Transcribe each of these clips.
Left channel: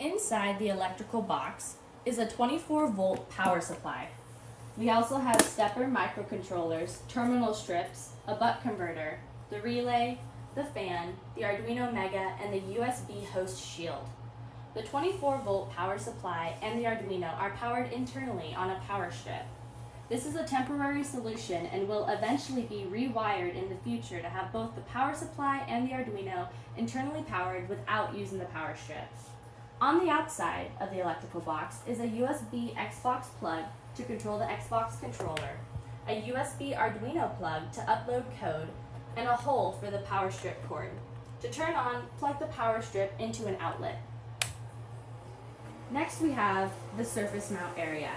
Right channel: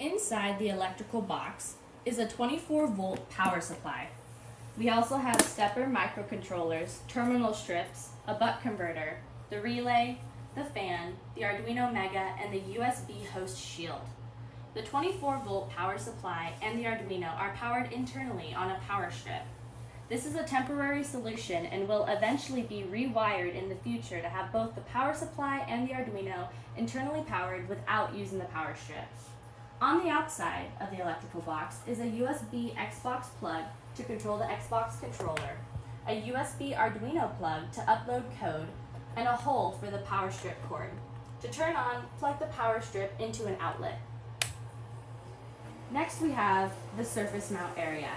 Inside the electrical box is a 24-volt power supply. We also have stepper microcontrollers, terminal strips, a buck converter, the relay, the fan, the Arduino Mega, and the USB host shield. The 24-volt power supply and the Arduino are powered internally on a power strip. This is a temporary solution and will eventually be rewired in the future to have both the power supply and the Arduino internally powered without using the power strip. On the outside of the electrical box is a USB Xbox plug to control the Xbox controller, a USB Arduino plug to upload code, and a hole for the power strip cord. To turn on, plug the power strip into an outlet. Next we have the surface mount area.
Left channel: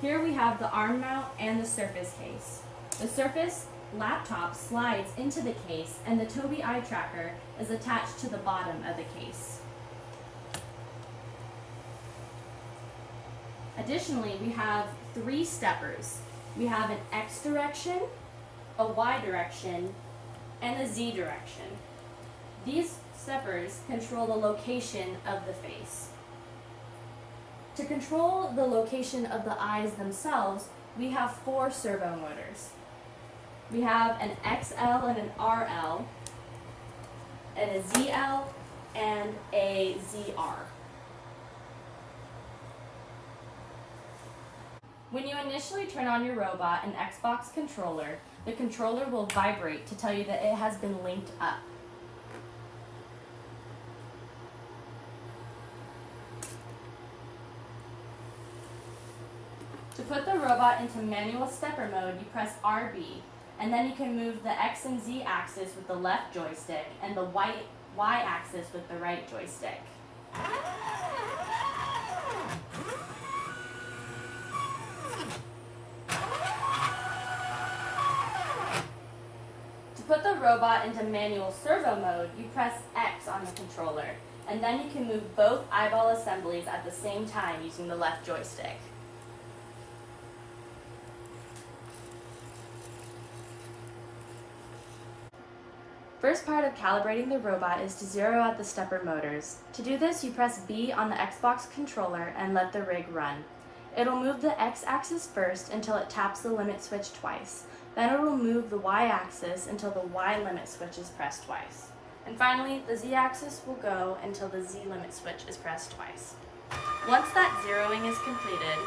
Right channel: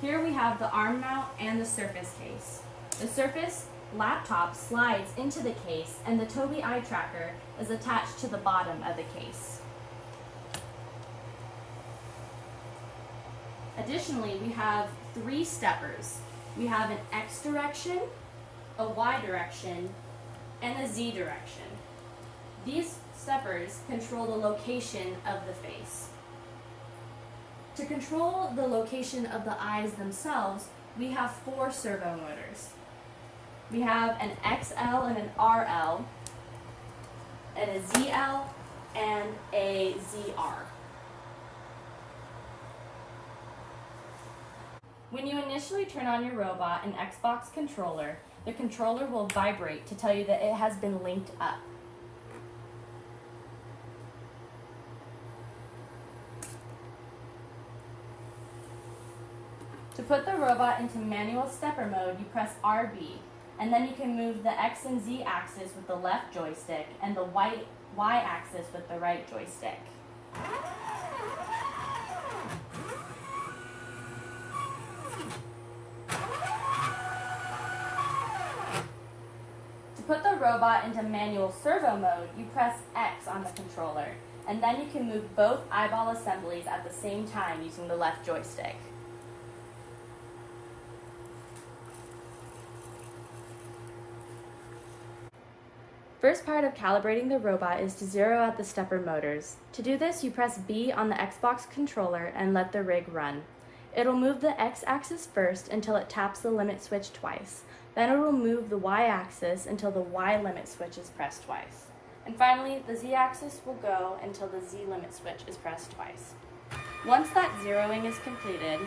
Here we have the arm mount and the surface case. The surface laptop slides into the case and the Tobii eye tracker is attached to the bottom of the case. Additionally, we have 3 steppers. We have an X direction, a Y direction, and a Z direction. These steppers control the location of the face. To control the location of the eyes themselves, we have 4 servo motors. We have an XL and an RL, and a ZL, and a ZR. When you initially turn on your robot and Xbox controller, the controller will vibrate to tell you that it has been linked up. To put the robot into manual stepper mode, you press RB, and then you can move the X and Z axis with the left joystick and the Y axis with the right joystick. To put the robot into manual servo mode, you press X on the controller, and then you can move both eyeball assemblies at the same time using the left joystick. First part of calibrating the robot is to zero out the stepper motors. To do this, you press B on the Xbox controller and let the rig run. It'll move the X-axis first until it taps the limit switch twice. Then it will move the Y-axis until the Y limit switch is pressed twice. And finally, the Z-axis will go until the Z limit switch is pressed twice. Once that zeroing is completed,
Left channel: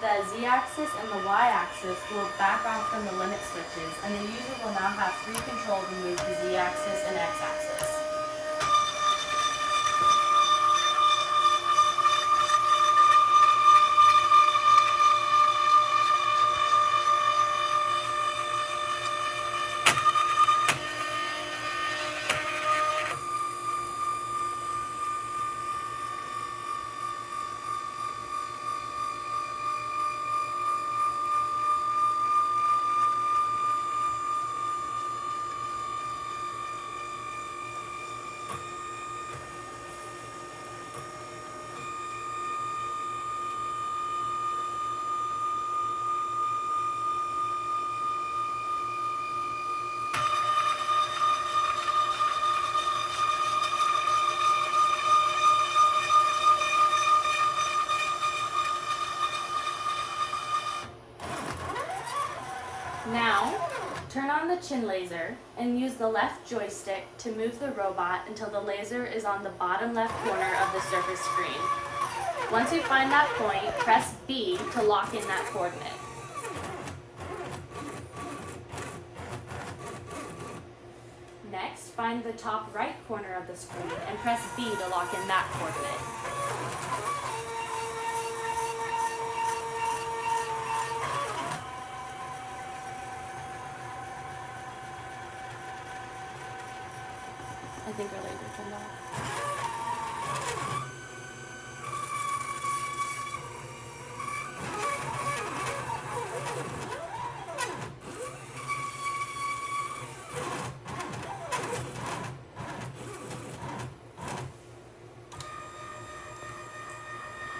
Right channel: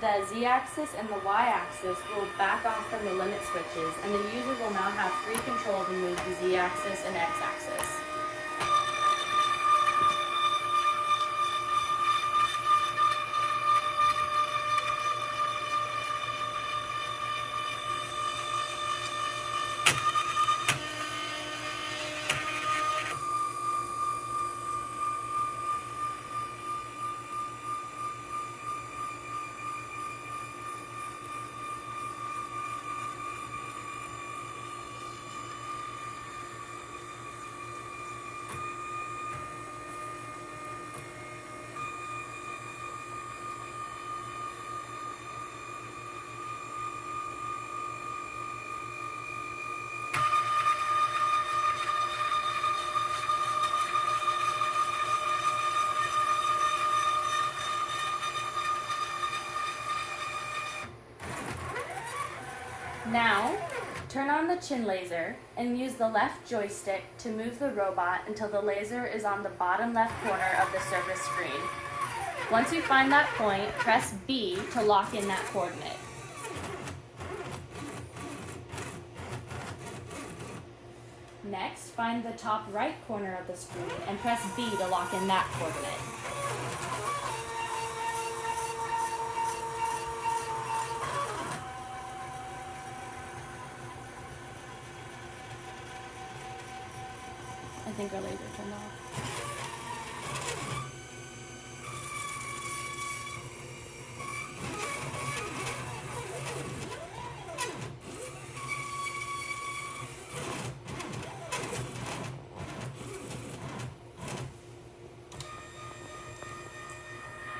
the Z-axis and the Y-axis will back off from the limit switches, and the user will now have free control to move the Z-axis and X-axis. Now, turn on the chin laser and use the left joystick to move the robot until the laser is on the bottom left corner of the surface screen. Once you find that point, press B to lock in that coordinate. Next, find the top right corner of the screen and press B to lock in that coordinate. I think our laser turned off.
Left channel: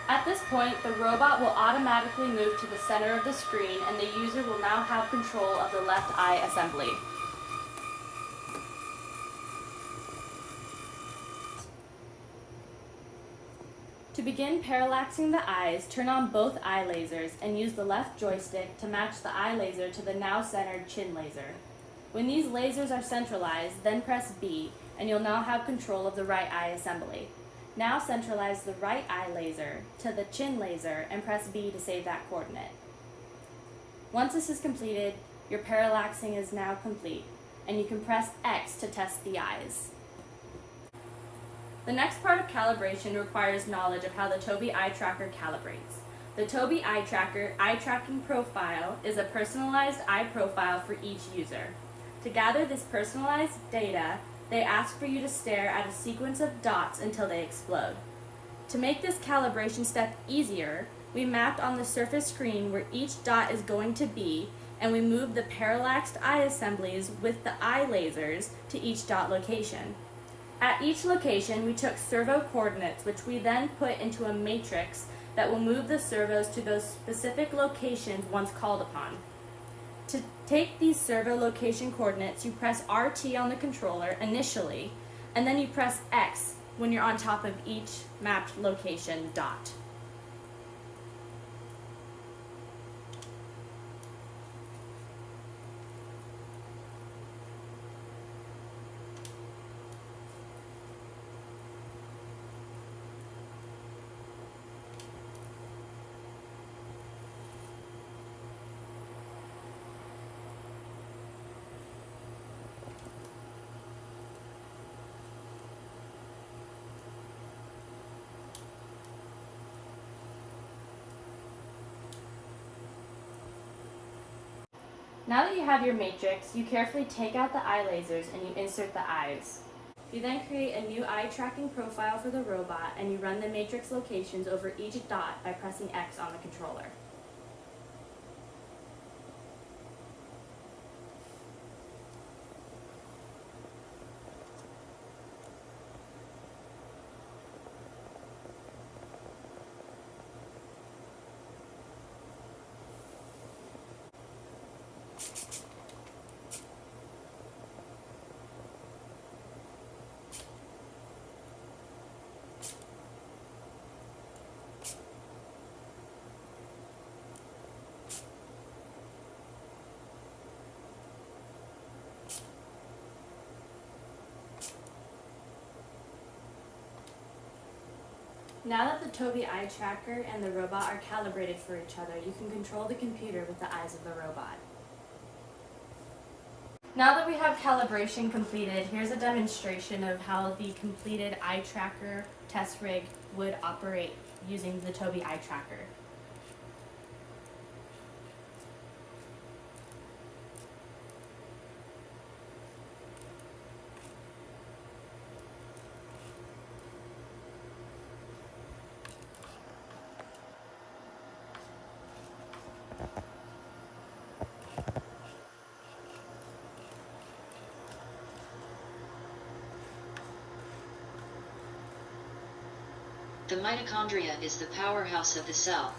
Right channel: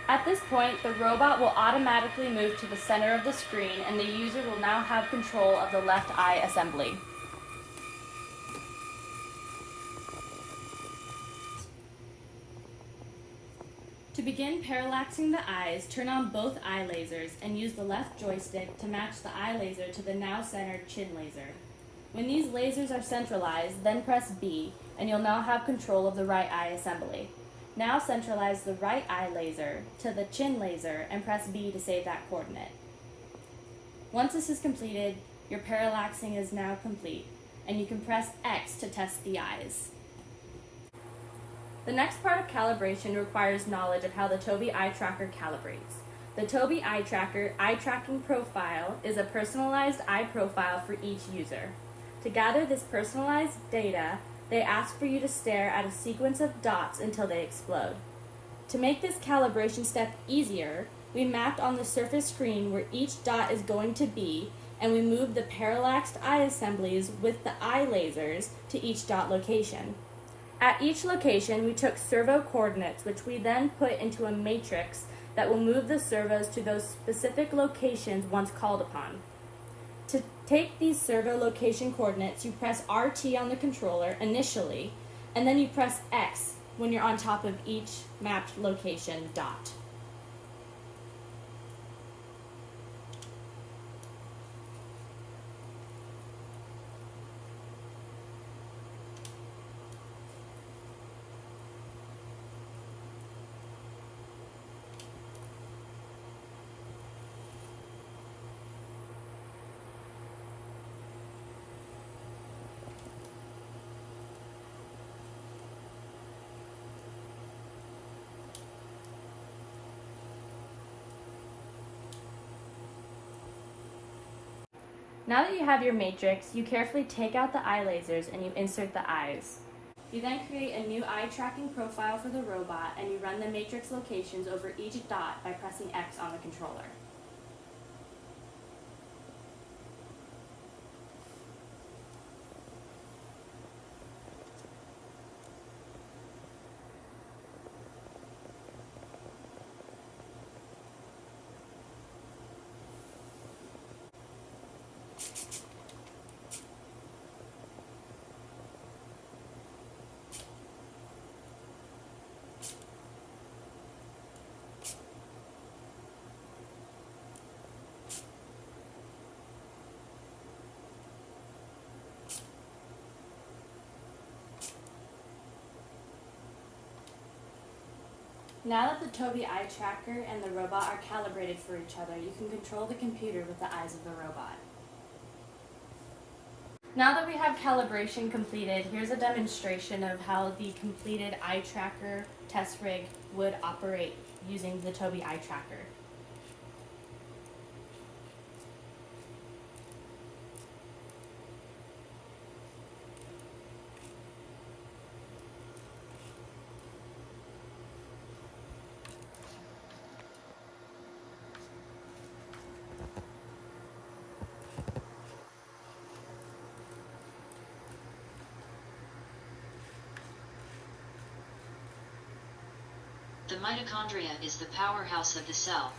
At this point, the robot will automatically move to the center of the screen, and the user will now have control of the left eye assembly. To begin parallaxing the eyes, turn on both eye lasers and use the left joystick to match the eye laser to the now centered chin laser. When these lasers are centralized, then press B, and you'll now have control of the right eye assembly. Now centralize the right eye laser to the chin laser and press B to save that coordinate. Once this is completed, your parallaxing is now complete, and you can press X to test the eyes. The next part of calibration requires knowledge of how the Tobii Eye Tracker calibrates. The Tobii Eye Tracker Eye Tracking Profile is a personalized eye profile for each user. To gather this personalized data, they ask for you to stare at a sequence of dots until they explode. To make this calibration step easier, we mapped on the surface screen where each dot is going to be, and we moved the parallaxed eye assemblies with the eye lasers to each dot location. At each location, we took servo coordinates, which we then put into a matrix that will move the servos to those specific locations once called upon. To take these servo location coordinates, you press RT on the controller initially, and then you press X when you're on top of each mapped location dot. Now that you have your matrix, you carefully take out the eye lasers and you insert the eyes. You then create a new eye tracking profile for the robot and you run the matrix locations over each dot by pressing X on the controller. Now that the Tobii Eye Tracker and the robot are calibrated for each other, you can control the computer with the eyes of the robot. Now that we have calibration completed, here's a demonstration of how the completed eye tracker test rig would operate using the Tobii Eye Tracker. The mitochondria is the powerhouse of the cell.